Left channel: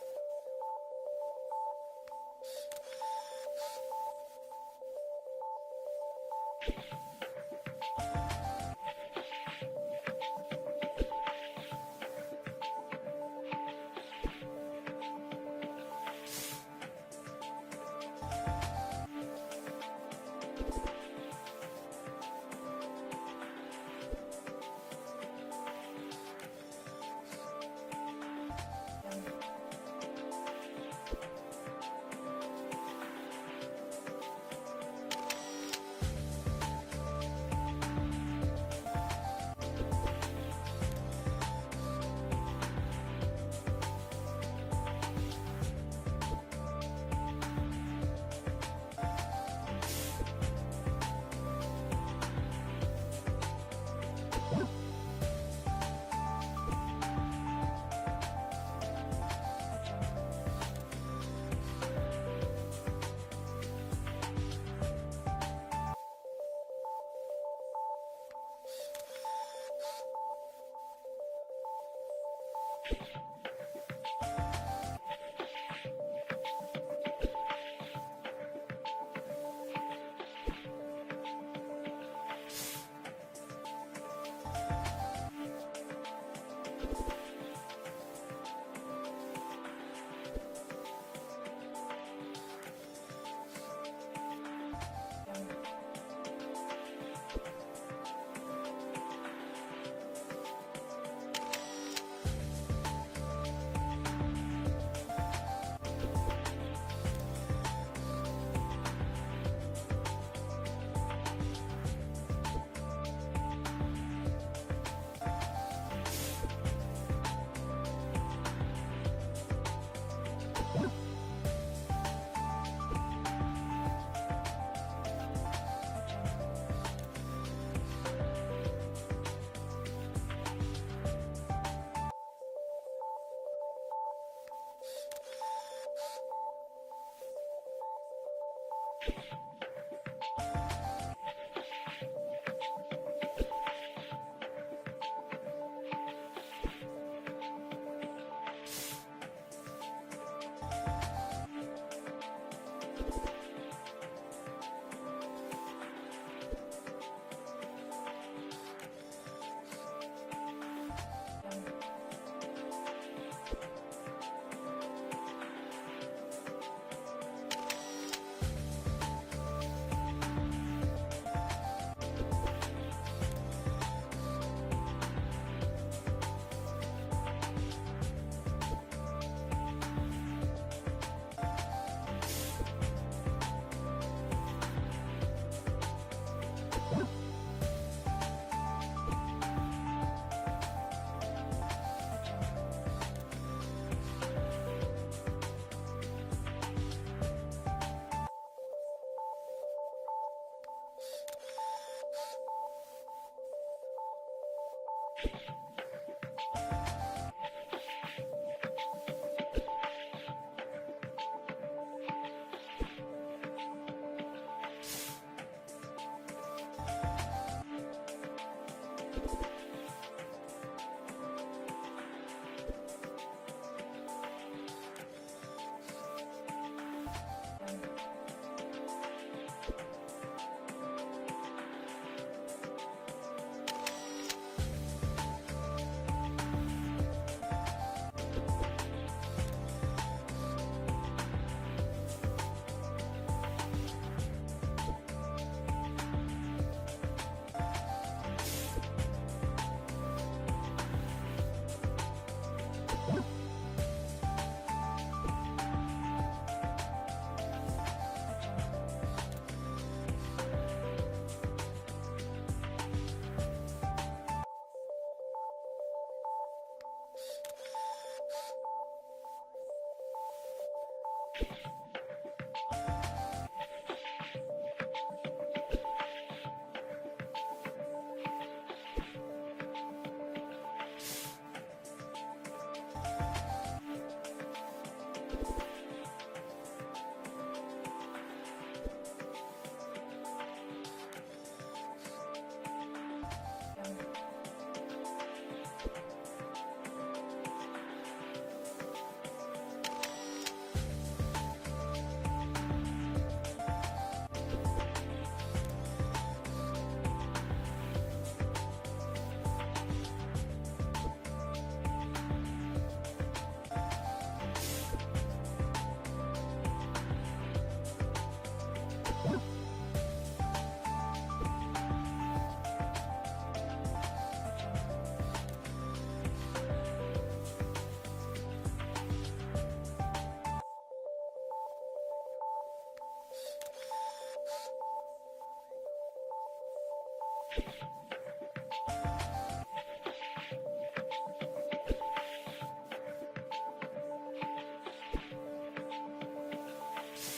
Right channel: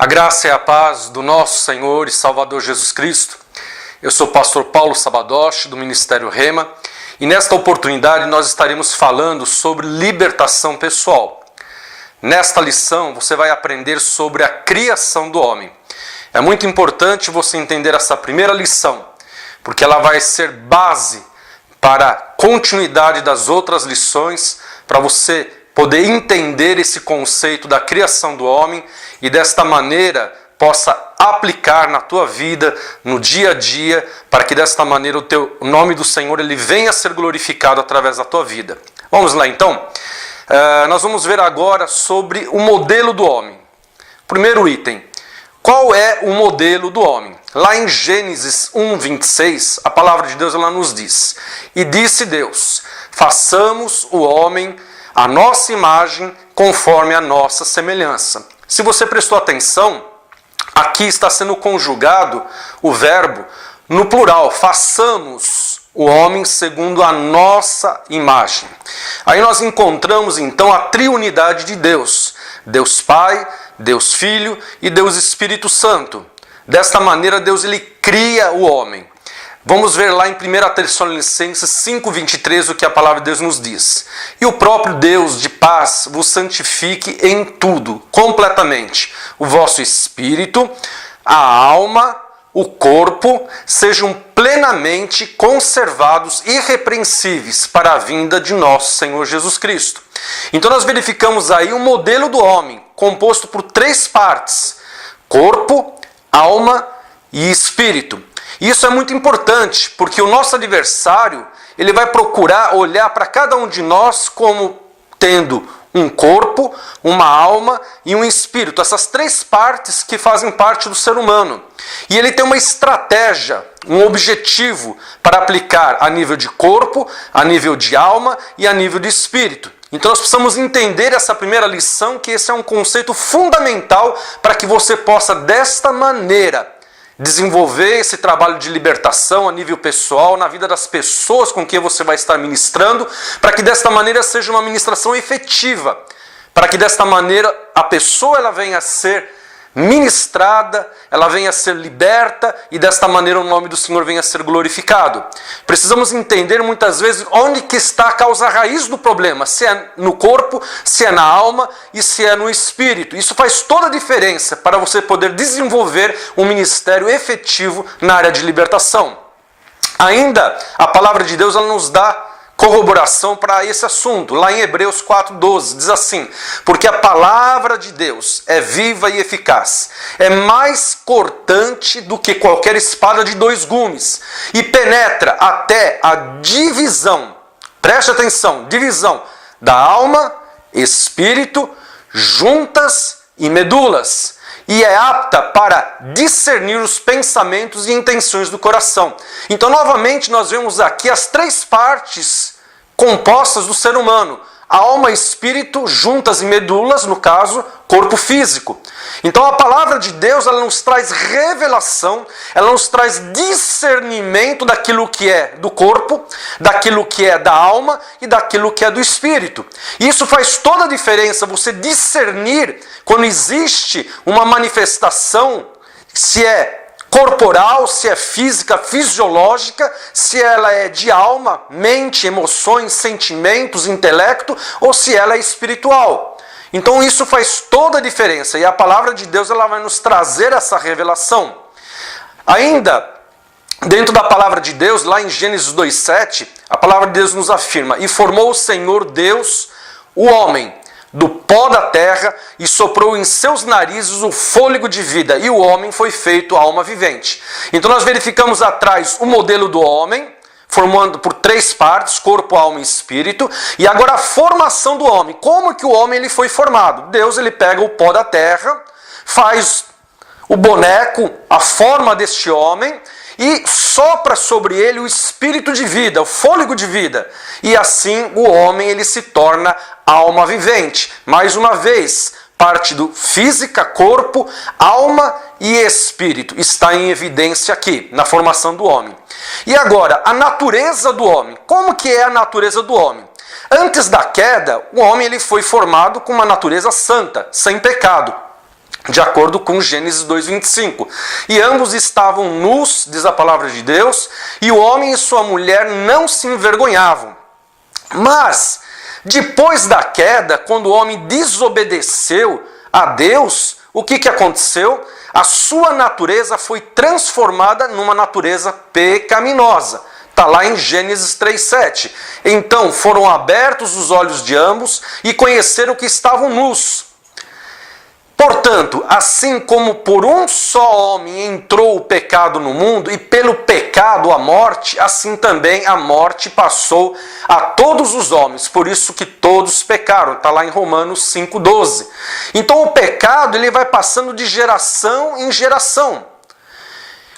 A graça e a paz do nosso Senhor e Salvador Jesus Cristo. Eu sou o pastor Paulo Sabadoshi, do Ministério Rema, e nesta oportunidade nós estaremos falando sobre libertação pessoal. Nesta lição você vai aprender sobre a criação do homem. É muito importante você entender essa primeira lição, porque ela vai ser base para a continuidade das outras lições, para você poder entender esse conceito da criação do homem e desta maneira possa aplicar na tua vida, no dia a dia, para que desta maneira o nome do Senhor ele venha a ser glorificado através da tua vida. Vamos lá então? Nós vamos ver agora sobre o modelo do homem. Primeiro item, qual é o modelo do homem? Lá em Gênesis 1:26, a palavra de Deus ela nos diz: E disse Deus, façamos o homem a nossa imagem, conforme a nossa semelhança. Se você prestou atenção, aqui está sendo conjugado o verbo no plural, façamos o homem segundo a nossa imagem. Aí nós encontramos então a triunidade de Deus, Deus Pai, Deus Filho e Deus Espírito Santo. Desta maneira Deus ele cria o homem. Vamos ver lá em 1 Tessalonicenses 5:23 o que a palavra de Deus nos diz. E o próprio Deus de paz vos santifique em tudo, completamente. O vosso espírito, a alma, o corpo, sejam plenamente conservados irrepreensíveis para a vinda de nosso Senhor Jesus Cristo. Então nós verificamos aí um modelo do homem, composto por 3 partes: corpo, alma e espírito. Isso é muito importante, porque o nosso adversário, ele vai procurar olhar para cada um de nós como tendo um corpo, uma alma e um espírito. Essas 3 partes que fazem parte do ser humano. E ele tem uma estratégia, um objetivo para aplicar a nível de corpo, a nível de alma e a nível de espírito. Então nós precisamos entender essa primeira lição, que esse é um conceito fundamental para que você possa, desta maneira, desenvolver esse trabalho de libertação a nível pessoal, na vida das pessoas com quem você vai estar ministrando, para que desta maneira seja uma ministração efetiva, para que desta maneira a pessoa ela venha a ser ministrada, ela venha a ser liberta e desta maneira o nome do Senhor venha a ser glorificado. Precisamos entender muitas vezes onde que está a causa raiz do problema, se é no corpo, se é na alma e se é no espírito. Isso faz toda a diferença para você poder desenvolver um ministério efetivo na área de libertação. Ainda a palavra de Deus ela nos dá corroboração para esse assunto. Lá em Hebreus 4:12 diz assim: porque a palavra de Deus é viva e eficaz, é mais cortante do que qualquer espada de 2 gumes e penetra até a divisão, preste atenção, divisão da alma, espírito, juntas e medulas, e é apta para discernir os pensamentos e intenções do coração. Então, novamente, nós vemos aqui as 3 partes compostas do ser humano: alma, espírito, juntas e medulas, no caso, corpo físico. Então, a palavra de Deus, ela nos traz revelação, ela nos traz discernimento daquilo que é do corpo, daquilo que é da alma e daquilo que é do espírito. E isso faz toda a diferença, você discernir quando existe uma manifestação, se é corporal, se é física, fisiológica, se ela é de alma, mente, emoções, sentimentos, intelecto, ou se ela é espiritual. Então isso faz toda a diferença e a palavra de Deus ela vai nos trazer essa revelação. Ainda dentro da palavra de Deus, lá em Gênesis 2:7, a palavra de Deus nos afirma: e formou o Senhor Deus o homem do pó da terra e soprou em seus narizes o fôlego de vida, e o homem foi feito alma vivente. Então nós verificamos atrás o modelo do homem, formando por 3 partes, corpo, alma e espírito, e agora a formação do homem. Como que o homem ele foi formado? Deus ele pega o pó da terra, faz o boneco, a forma deste homem, e sopra sobre ele o espírito de vida, o fôlego de vida. E assim o homem ele se torna alma vivente. Mais uma vez, parte do física, corpo, alma e espírito está em evidência aqui, na formação do homem. E agora, a natureza do homem. Como que é a natureza do homem? Antes da queda, o homem ele foi formado com uma natureza santa, sem pecado. de acordo com Gênesis 2:25. E ambos estavam nus, diz a palavra de Deus, e o homem e sua mulher não se envergonhavam. Mas, depois da queda, quando o homem desobedeceu a Deus, o que aconteceu? A sua natureza foi transformada numa natureza pecaminosa. Está lá em Gênesis 3:7. Então foram abertos os olhos de ambos e conheceram que estavam nus. Portanto, assim como por um só homem entrou o pecado no mundo, e pelo pecado a morte, assim também a morte passou a todos os homens. Por isso que todos pecaram. Está lá em Romanos 5:12. Então o pecado ele vai passando de geração em geração.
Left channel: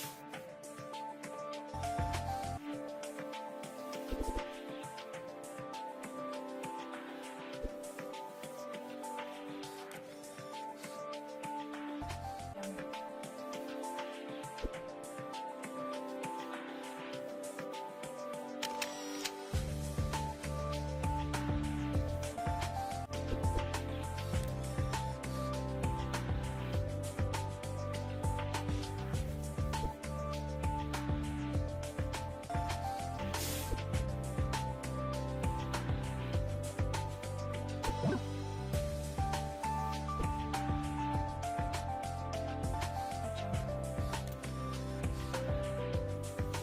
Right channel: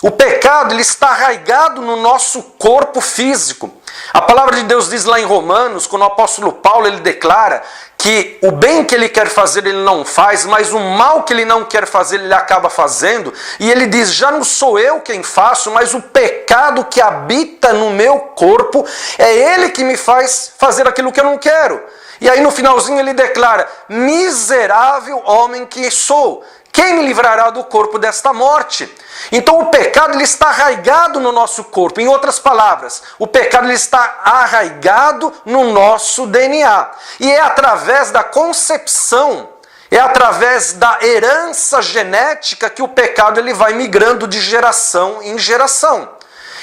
O pecado ele está arraigado no nosso corpo físico. A palavra de Deus diz lá em Romanos, quando o apóstolo Paulo ele declara que o bem que ele quer fazer ele não faz, mas o mal que ele não quer fazer ele acaba fazendo. E ele diz, já não sou eu quem faço, mas o pecado que habita no meu corpo, é ele que me faz fazer aquilo que eu não quero. E aí no finalzinho ele declara, miserável homem que sou, quem me livrará do corpo desta morte? Então o pecado ele está arraigado no nosso corpo. Em outras palavras, o pecado ele está arraigado no nosso DNA. E é através da concepção, é através da herança genética que o pecado ele vai migrando de geração em geração.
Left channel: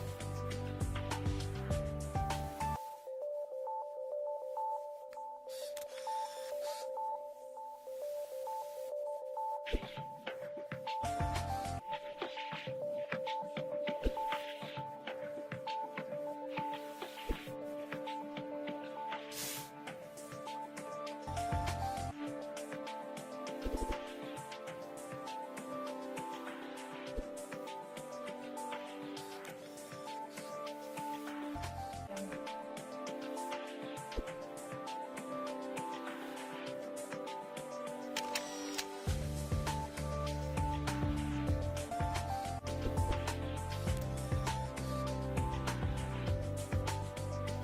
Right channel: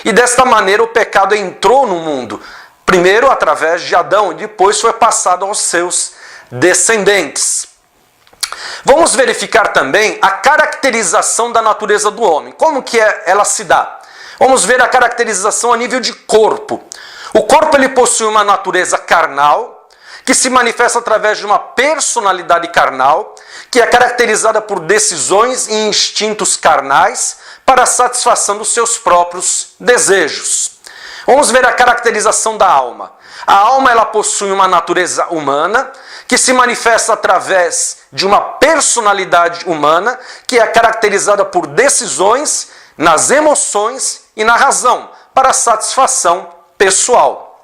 E desta maneira o pecado entrou no mundo. Primeiro através de Adão e depois foi passado aos seus descendentes. Vamos verificar também a caracterização da natureza do homem. Como que ela se dá? Vamos ver a caracterização a nível de corpo. O corpo ele possui uma natureza carnal, que se manifesta através de uma personalidade carnal, que é caracterizada por decisões e instintos carnais para a satisfação dos seus próprios desejos. Vamos ver a caracterização da alma. A alma ela possui uma natureza humana, que se manifesta através de uma personalidade humana, que é caracterizada por decisões nas emoções e na razão, para satisfação pessoal.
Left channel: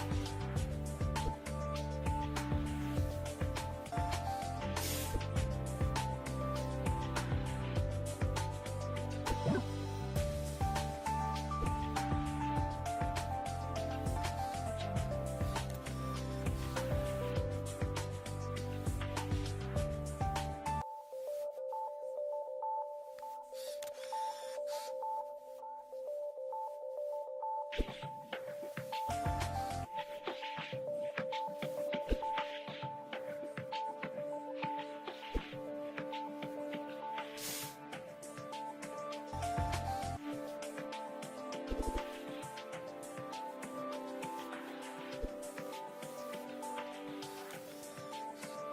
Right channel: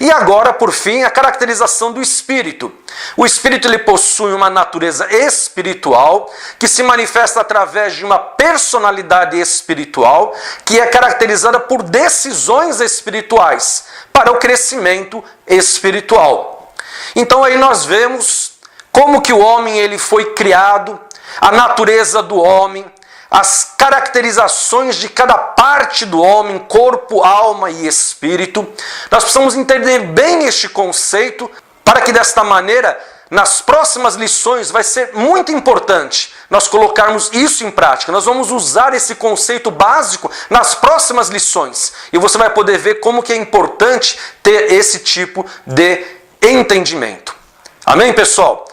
E agora, por fim, a caracterização do espírito. O espírito ele possui uma natureza espiritual, que se manifesta através de uma personalidade espiritual, que é caracterizada por decisões espirituais, para o crescimento espiritual. Então aí nós vemos como que o homem ele foi criado, a natureza do homem, as caracterizações de cada parte do homem, corpo, alma e espírito. Nós precisamos entender bem este conceito para que desta maneira, nas próximas lições, vai ser muito importante nós colocarmos isso em prática. Nós vamos usar esse conceito básico nas próximas lições. E você vai poder ver como que é importante ter esse tipo de entendimento. Amém, pessoal?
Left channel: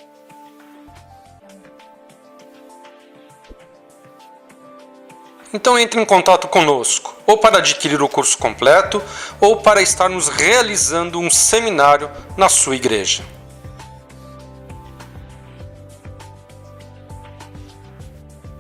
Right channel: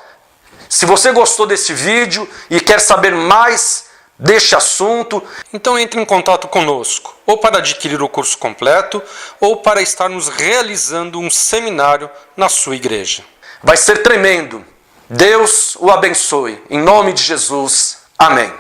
Se você gostou desse vídeo e quer saber mais deste assunto, então entre em contato conosco, ou para adquirir o curso completo, ou para estarmos realizando um seminário na sua igreja. Vai ser tremendo. Deus o abençoe. Em nome de Jesus. Amém.